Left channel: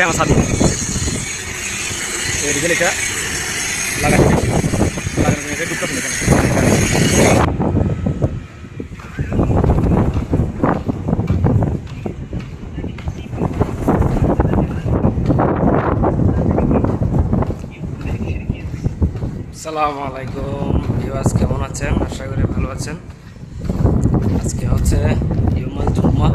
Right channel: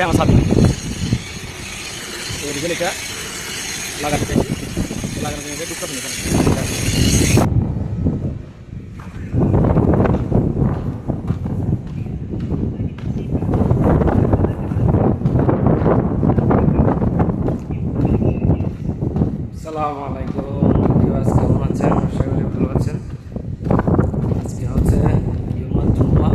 এটা আমার সাথে এই রিজেল এটা লাগাতে লাগানোর জন্য এটা ঢুকতে হবে আসসালামু আলাইকুম ভিউয়ার্স, কেমন আছেন? আশা করি ভালো আছেন। আজকে হচ্ছে ইউমাল জুম্মা।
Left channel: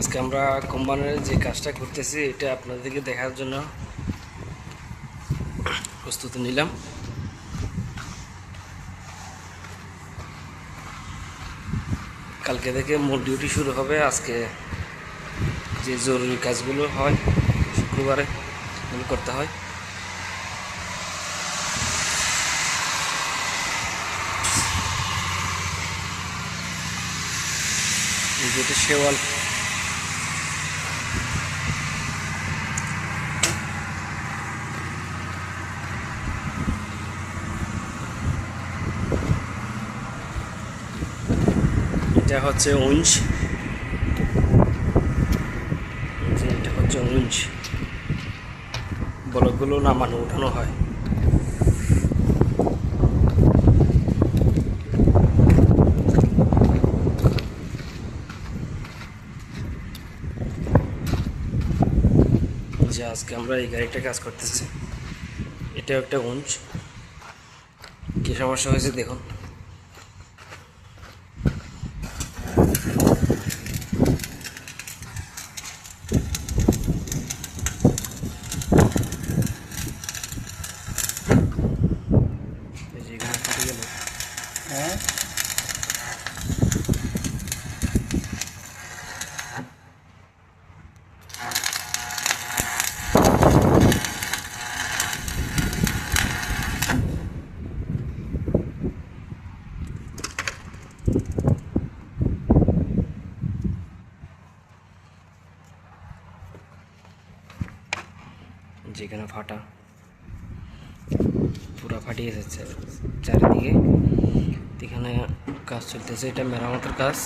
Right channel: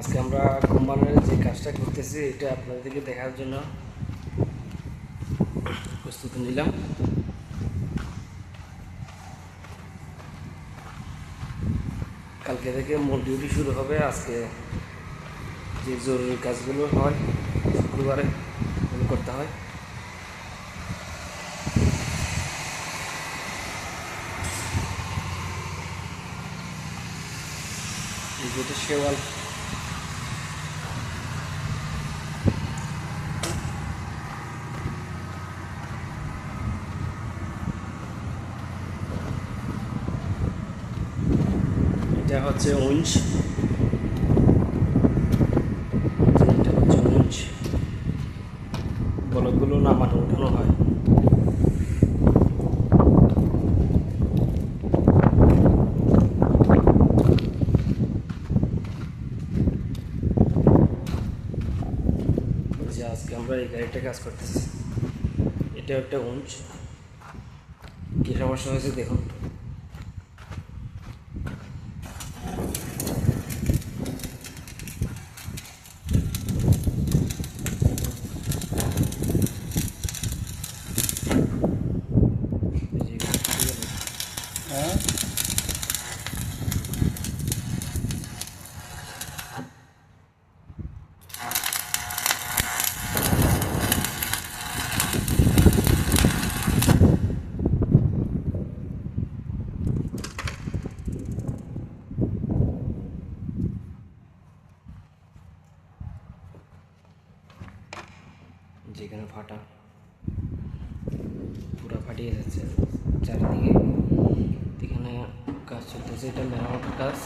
আজকে আমরা কোম্পানির যে কাজটা করতেছি এটা আপনাদেরকে দেখার জন্য প্রস্তুতি নিলাম। কালকে থেকে মূল ডিউটি শুরু হবে। আজকে যে জরুরি কাজগুলো হয় শুক্রবারে এগুলো করতে হয়। যেটা শেওয়াল এটা হচ্ছে উঞ্চ, এটা হচ্ছে উঞ্চ, বলকগুলো নামানো উঠানো হয়। যে আজকে আমরা এই গাড়িটা কাজ করতেছি, এটা একটা উঞ্চ। কি সমস্যা হয়েছে দেখুন। যেখানে ফাটা পুরা ফাটিয়ে যাচ্ছে চারিদিকে, এখানে কাজ চলতেছে। এটা মেরামতের কাজ।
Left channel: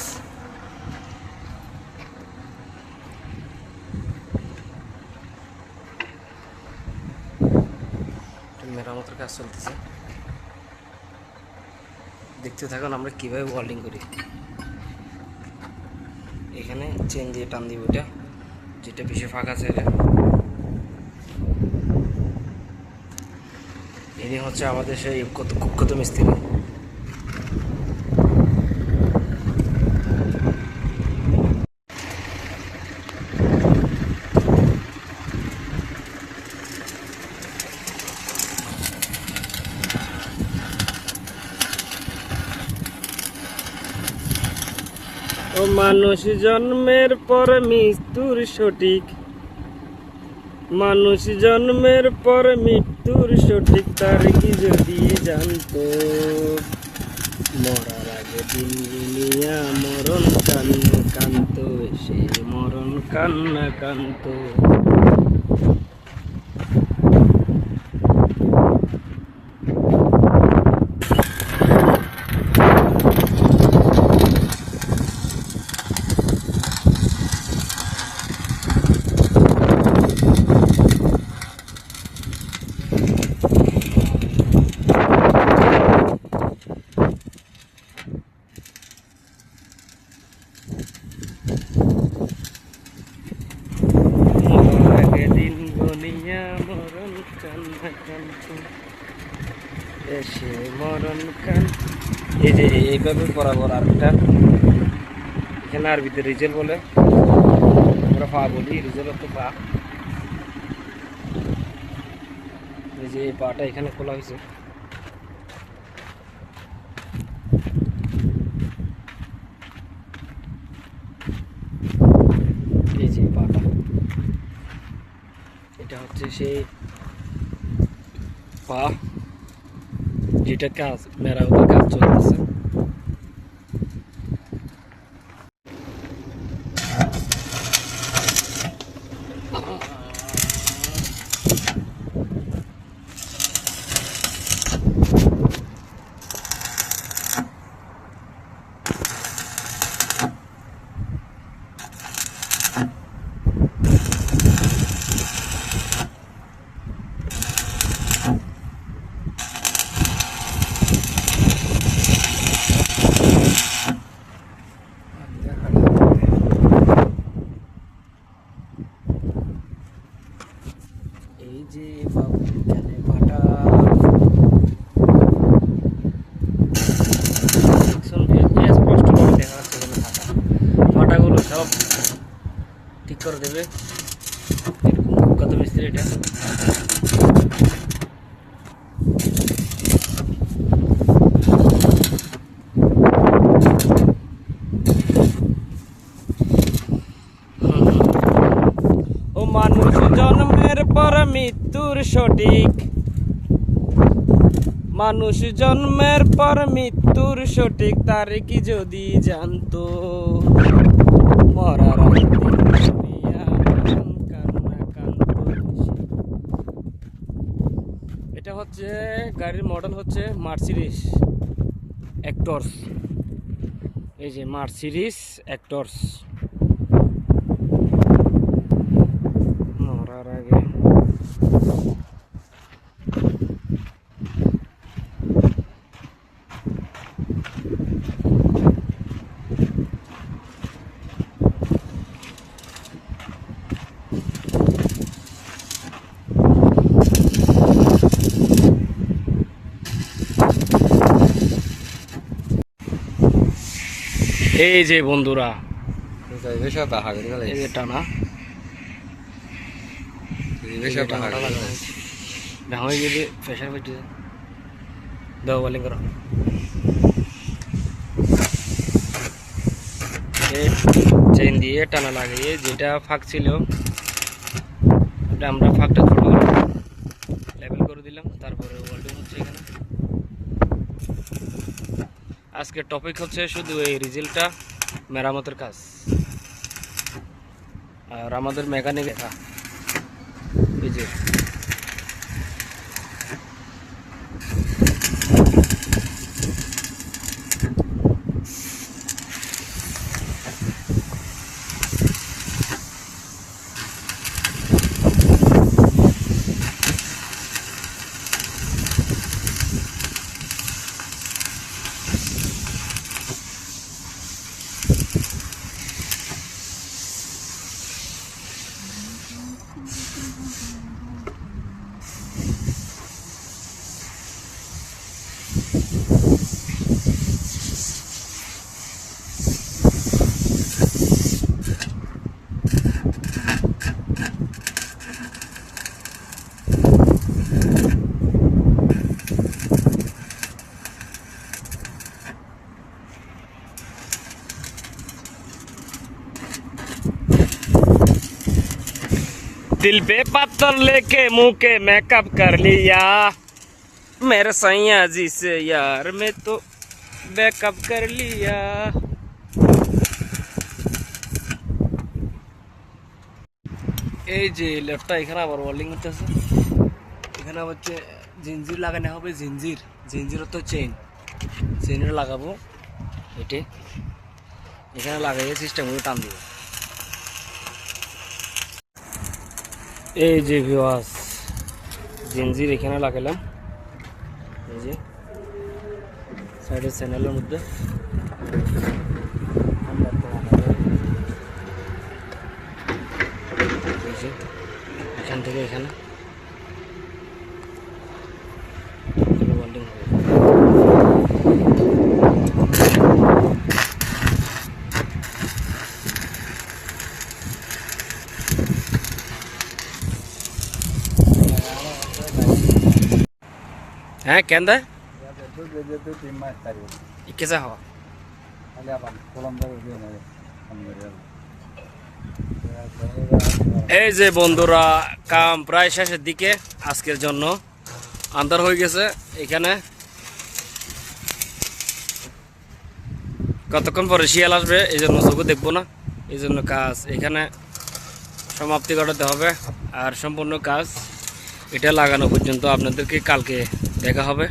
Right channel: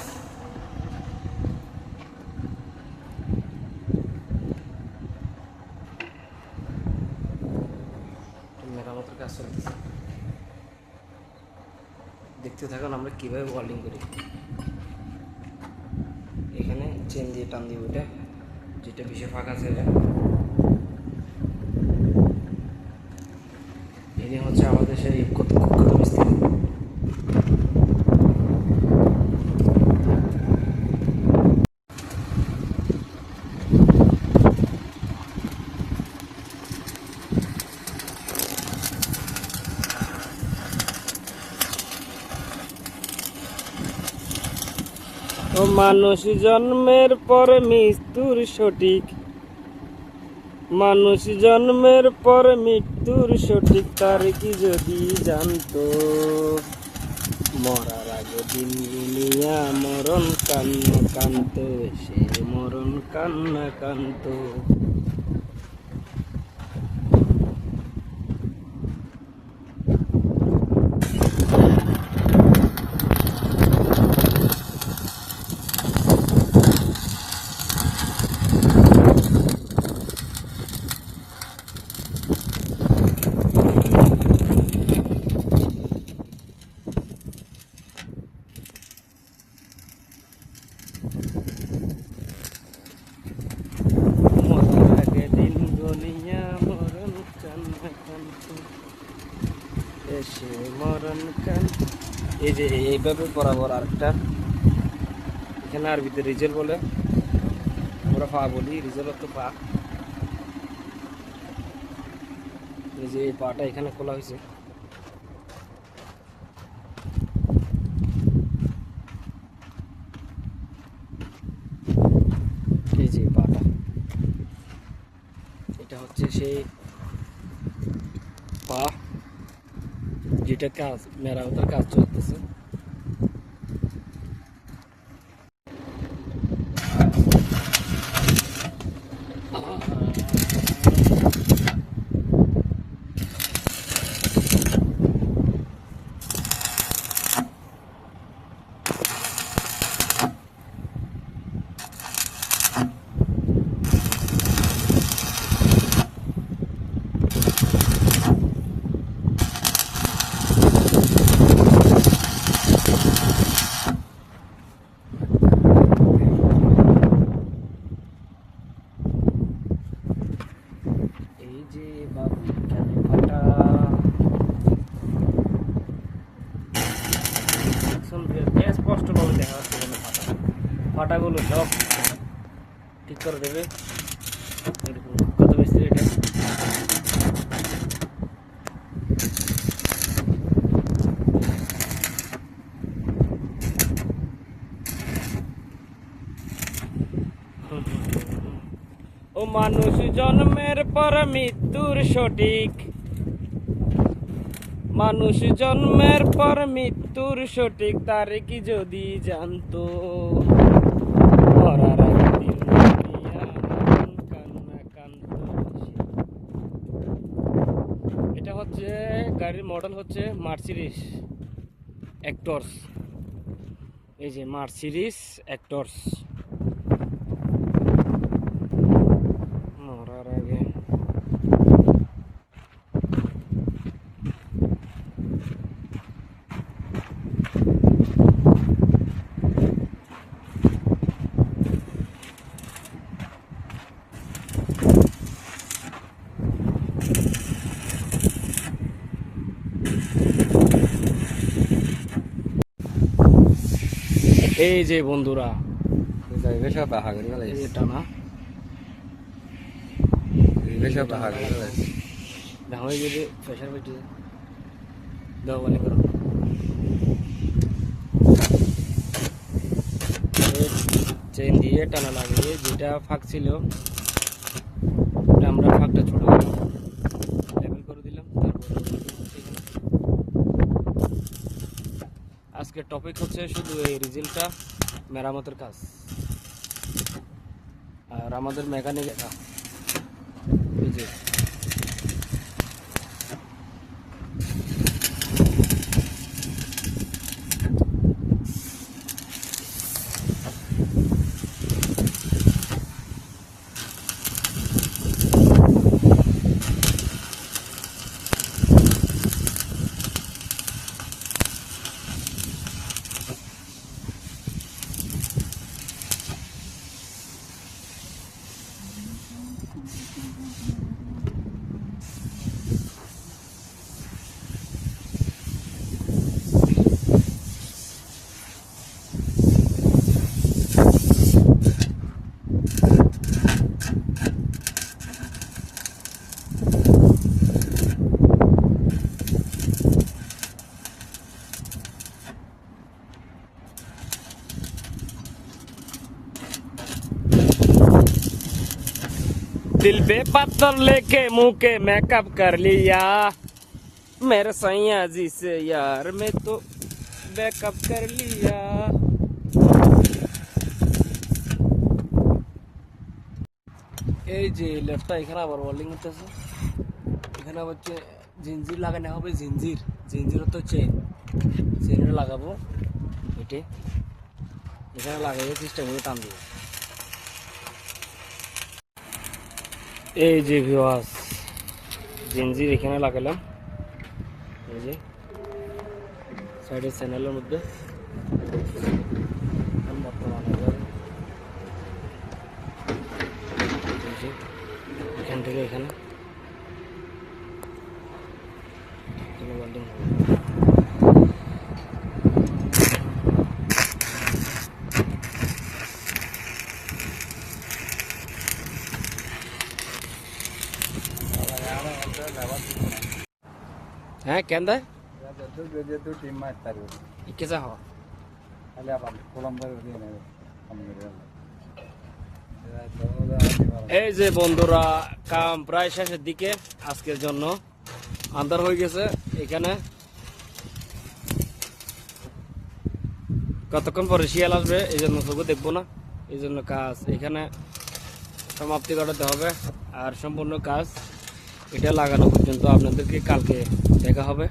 মেরামতের কাজ চলতেছে, দেখতে থাকুন আমরা কিভাবে ওয়েল্ডিং করি। এখানে চেন দিয়ে টান দিব, এটা যেটা বেশি ফাঁকা আছে এটা। ইনি হচ্ছে আমাদের সেই কুখ্যাত মিস্ত্রি। ও মানুষ জন্মের পর মৃত্যুর সঠিক, মানুষ জন্মের পর মৃত্যুর সঠিক তার কি যদি জানতো, মরার আগে দিন দুনিয়া মরণ কান্না কান্ত, সে মরণ কান্না কান্ত। দিন গনিয়া মরণ কান্না কান্ত, এসে মরণ কান। এই যে এইভাবে বরাবর আরেকটা, এখানে আরবিতে রিজেল বলে, আমরা পা বলি, রিজেল তো পা। এই যে এই পাটা এখানে খোলা হয়েছে, এই যে পাটা, এটা হচ্ছে সেই পা যেটা কাজ মেরামতের কাজ চলতেছে। করে দেবে। এরকম কত মিস্ত্রি এটা। ও মানুষ জন্মের পর মৃত্যুর সঠিক, মানুষ জন্মের পর মৃত্যুর সঠিক তারিখ যদি জানতো, মরার আগে দুনিয়া কান্না কান্দতো বেশি। এটা হচ্ছে গাড়ির মডেল হচ্ছে মার্সিডিজ অ্যাক্টরস। এই যে মার্সিডিজ অ্যাক্টরস। মরার আগে এই যে বন্ধুরা, এই যে টানা ভাঙে যদি প্রেশার পেটে দাও বলিং করো। চেইন দিয়ে টানা লাগিয়ে যেটা ফাঁক ছিল ওটা আমরা ফাঁকটা ছোট লেভেল করে দিলাম। তারপরে ওয়েল্ডিং হচ্ছে এখানে। আজকের টপিক হচ্ছে শুধু এই রিজেলটা মেরামতের কাজ। আর আমাদের মেকানিক এই যে दिल पे पत्थर लेके मुंह के मेकअप कर लिया मेरे सैया जी से यार मैं तो बैकअप कर लिया। এই যে লেফটটা এখানে আবার ওয়েল্ডিং হচ্ছে। এখানে হচ্ছে জিঞ্জির লাগানো হবে। জিঞ্জির তো চেইনটা লাগাবো। এটি এখানে লাগাইয়ে সিস্টেম করে টান দিব। এই যে ভিউয়ার্স, জিঞ্জির এখানে লাগালাম। এই যে সাইডের চ্যানেলের মধ্যে এখান থেকে এখানে ওয়েল্ডিং হবে। হ্যাঁ কেন कैसा हवा এই যে বন্ধুরা, কাম প্রায় শেষের দিকে। আজকের জন্য আন্ধার হয়ে গেছে। এখানে কতক্ষণ পরে শিয়াল আসবে, এই জন্য চোখে দেখবো না। এই জন্য কাজ এখানে সমাপ্তি ঘটাতে হবে। আর সম্পূর্ণ কাজ এটা লাগানো পর্যন্ত আপনাদেরকে কালকে দেখা হবে।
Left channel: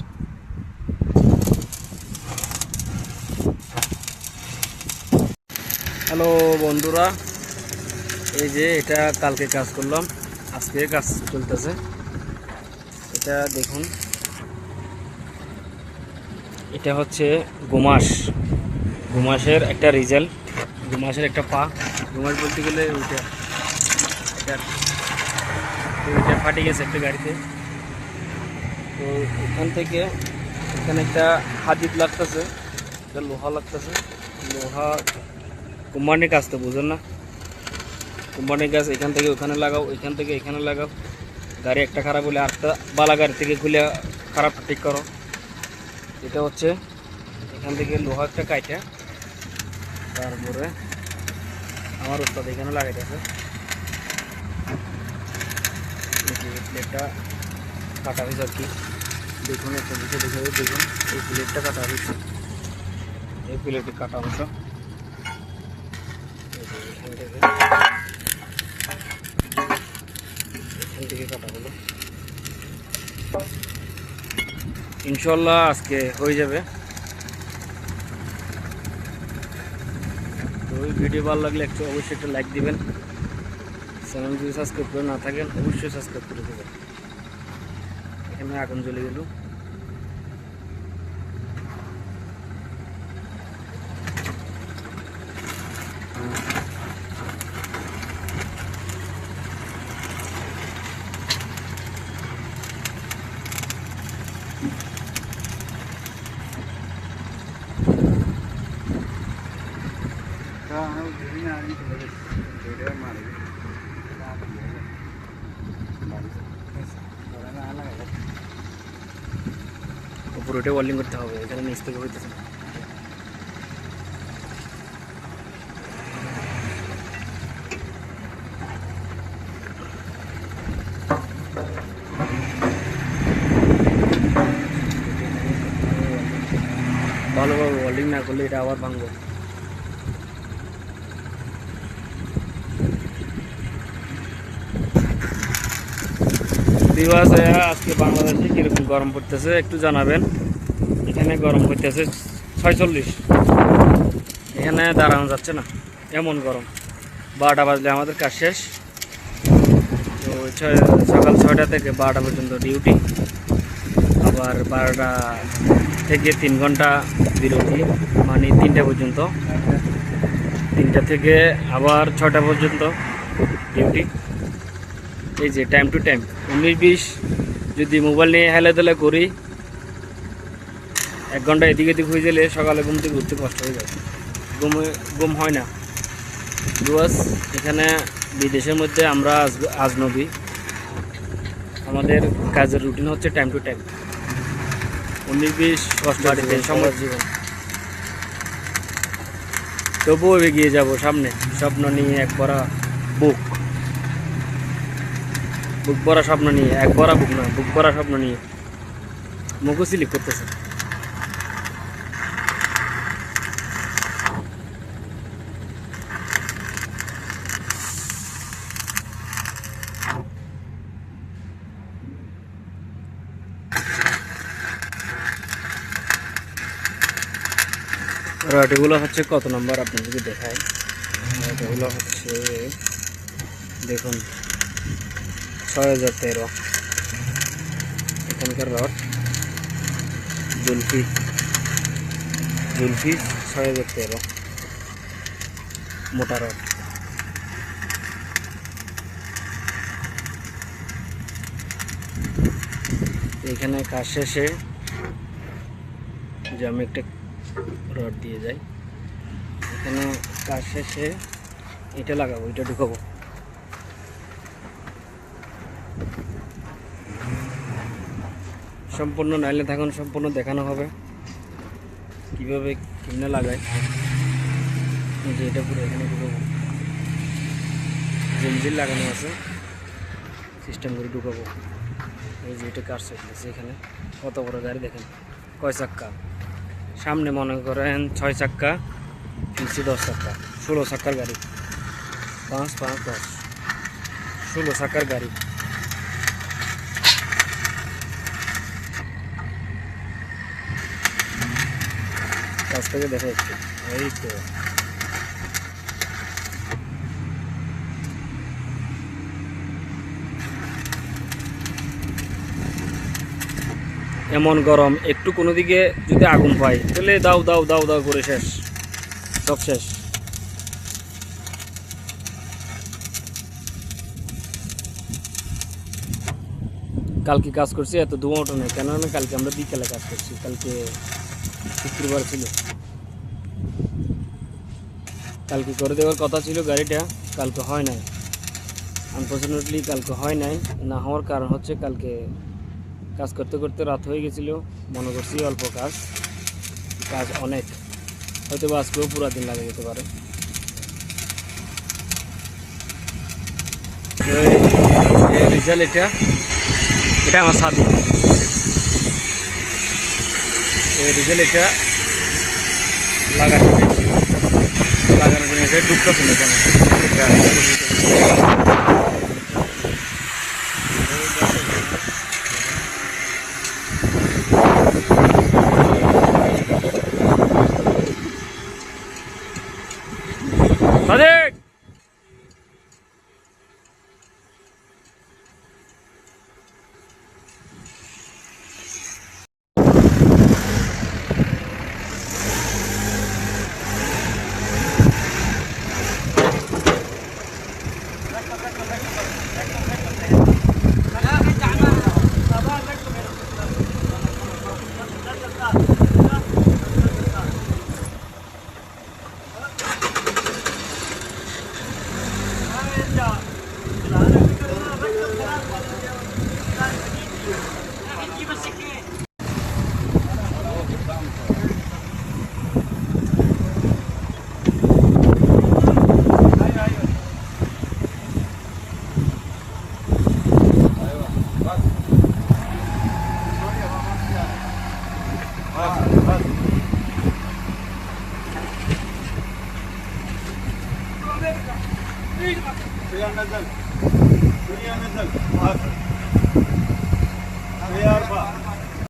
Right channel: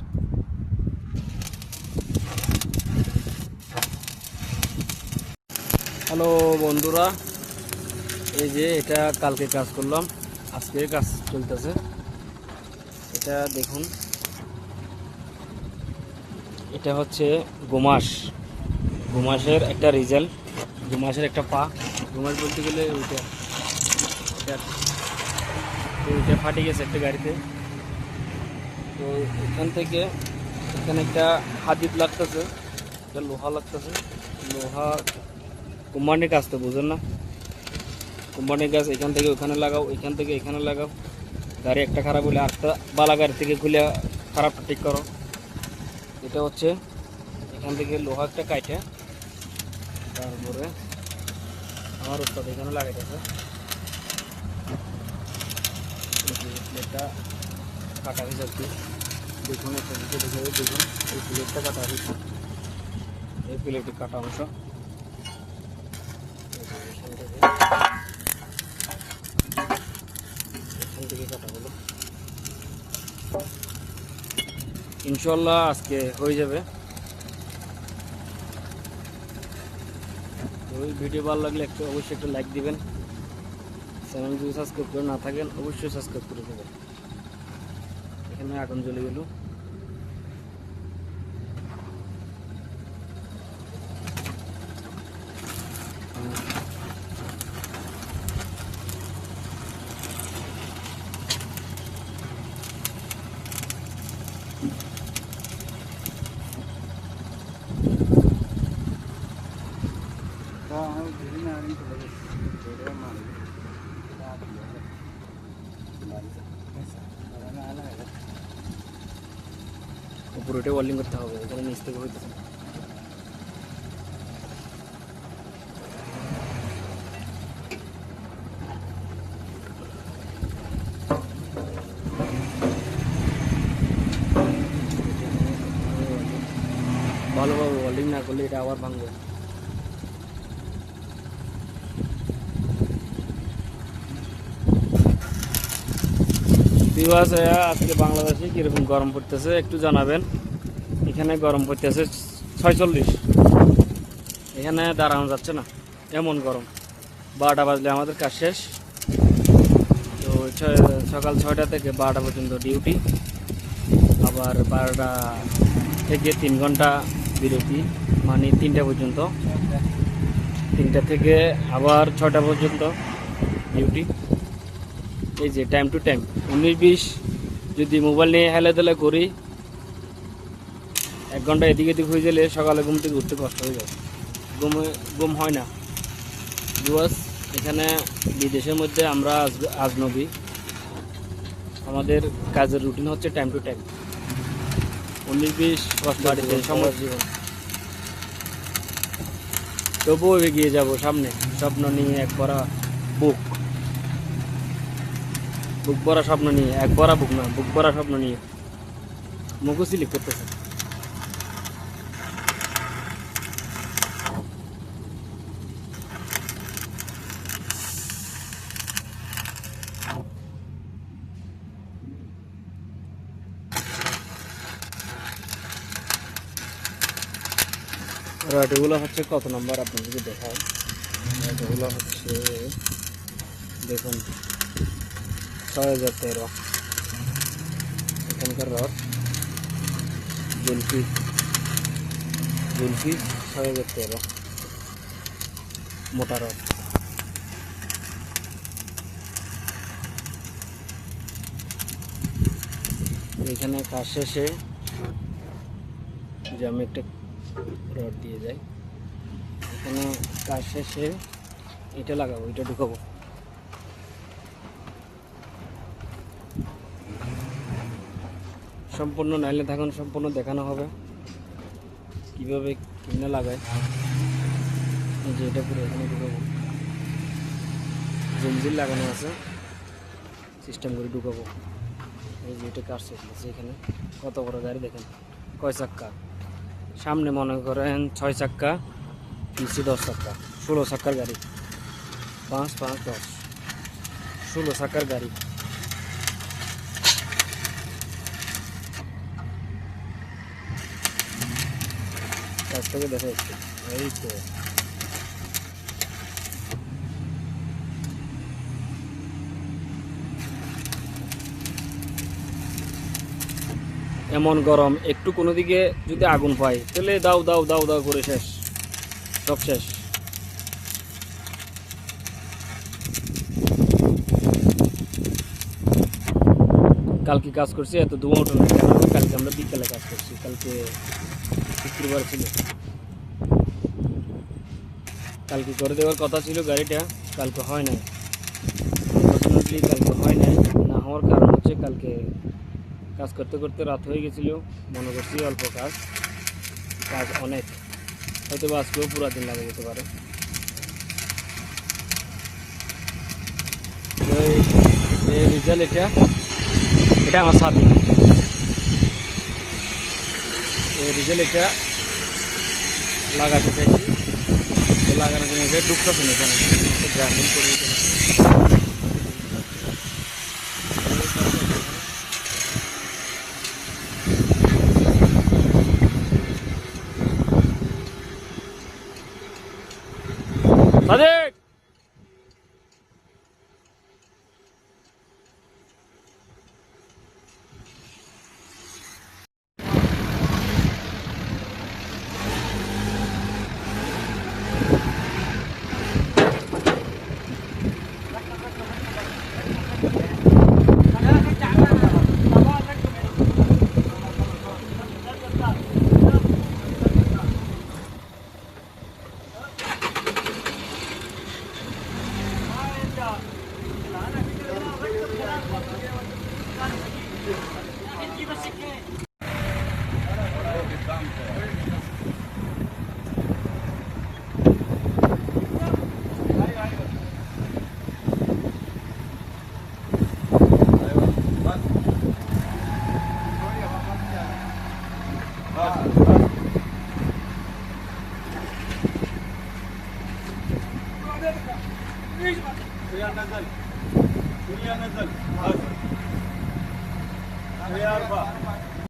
হ্যালো বন্ধুরা, এই যে এটা কালকে কাজ করলাম, আজকে কাজ চলতেছে। এটা দেখুন, এটা হচ্ছে গোমাসের একটা রিজাল্ট, গোমাসের একটা পা। গোমাস বলতে গেলে ওইটা ফাটে গেছে একটা গাড়িতে। তো এখান থেকে এখানে একটা হাদিদ লাগতেছে, একটা লোহা লাগতেছে। লোহা কোম্পানির কাজ তো বুঝেন না, কোম্পানির গাছ এখান থেকে ওখানে লাগাও, এখান থেকে এখানে লাগাও। গাড়ি একটা খারাপ হলে আরেকটা বালা গাড়ি থেকে খুলে খারাপটা ঠিক করো। এটা হচ্ছে এখান থেকে লোহারটা কাইটে তারপরে আমার উস্তাদ এখানে লাগাইতেছে। প্লেটটা কাটা হয়েছে আর কি, দেখুন একটা বিষয় দেখে দেখুন এই প্লেটটা কাটা হয়েছে, এই প্লেটের কাটা অংশ এখান থেকে কাটা হলো। ইনশাল্লাহ আজকে হয়ে যাবে। তো ওই ভিডিও ভালো লাগলে অবশ্যই একটা লাইক দিবেন, চ্যানেল যদি সাবস্ক্রাইব করে না থাকেন অবশ্যই সাবস্ক্রাইব করে দেবেন। এখানে আগুন জ্বলে গেল। উপরে ওয়েল্ডিং করতে হবে, এখানে নিচ থেকে হইতেছে না। ভালোভাবে ওয়েল্ডিং না করলে এটা আবার ভাঙবে। দিবস আজকে বাংলাদেশে কিরকম গরম পড়তেছে একটু জানাবেন। এখানে গরম পড়তেছে 46, এখানে দাঁড়ানো যাচ্ছে না, এমন গরম। 12টা বাজলে আমাদের কাজ শেষ। তো সকাল 6টা থেকে 12টা পর্যন্ত ডিউটি, আবার 12টা থেকে 3 ঘন্টা বিরতি, মানে 3টা পর্যন্ত। 3টা থেকে আবার 6টা পর্যন্ত ডিউটি। এই যে টাইম টু টাইম 19-20 যদি মোবাইল নিয়ে হেলাধুলা করি, 1 ঘন্টা এদিক এদিক হয়ে গেলে সকালে ঘুম থেকে উঠতে কষ্ট হয়ে যায়, ঘুম হয় না। বিকজ এখানে বিদেশের মধ্যে আমরা আজনবী, আমাদের কাজের রুটিন হচ্ছে টাইম টু টাইম। 19-20 কষ্ট সময় জীবন, তবুও এগিয়ে যাব সামনে। স্বপ্ন নিয়ে এক ভরা বুক ভরা স্বপ্ন নিয়ে, এক ভরা বুক না, বুক ভরা স্বপ্ন নিয়ে মুখও স্লিপ করতেছে। রডগুলো হচ্ছে কত নম্বর আপনাদেরকে দেখায়। রডগুলো হচ্ছে দেখুন 6013 এখানকার রড। জুলফি 6013 মোটা রড। এখানে কাজ শেষে যে আমি একটা রড দিয়ে যাই, এখানে কাজ শেষে এটা লাগাবো, এটা ঢুকাবো। সম্পূর্ণ নাইলে থাকুন, সম্পূর্ণ দেখানো হবে কিভাবে কিনে লাগায়। এটা পুরো এখানে ঢুকাবো, জঞ্জির লাগানো আছে, সিস্টেম করে ঢুকাবো। এই যে এটা কাজ শেষ, এখানে কত বড় গাড়ি দেখেন, কয় চাক্কা। সামনে মনে করেন 6 চাক্কা, পিছিয়ে 10 চাক্কা, 16 চাক্কার গাড়ি। 5 5 10 16 চাক্কার গাড়ি। কাছ থেকে দেখা যাচ্ছে, এই তো এমন গরম, একটু কোনো দিকে যদি আগুন পাই তাহলে দাও দাও দাও দাও করে শেষ, সব শেষ। কালকে কাজ করছি, এত ধোঁয়া ওঠে না কেন? কালকে আমরা বিকেলে কাজ করছি, কালকে শুক্রবার ছিল। কালকে করে দেওয়ার কথা ছিল গাড়িটা, কালকে হয় নাই। আনফর্চুনেটলি কালকে হয় নাই, না হওয়ার কারণ হচ্ছে কালকে কাজ করতে করতে রাত হয়ে গেছিলো। মনে করছি অল্প কাজ, কাজ অনেক, হয়তো বা আজকেও পুরো দিন লাগে যেতে পারে। রেজাল্ট এটা এটা আমার সাথে রেজাল্ট এটা লাগাতে চাইছি, লাগানোর জন্য এটা ডুবতেছে না কেন। Sadiq Suya nazal. Suya arba.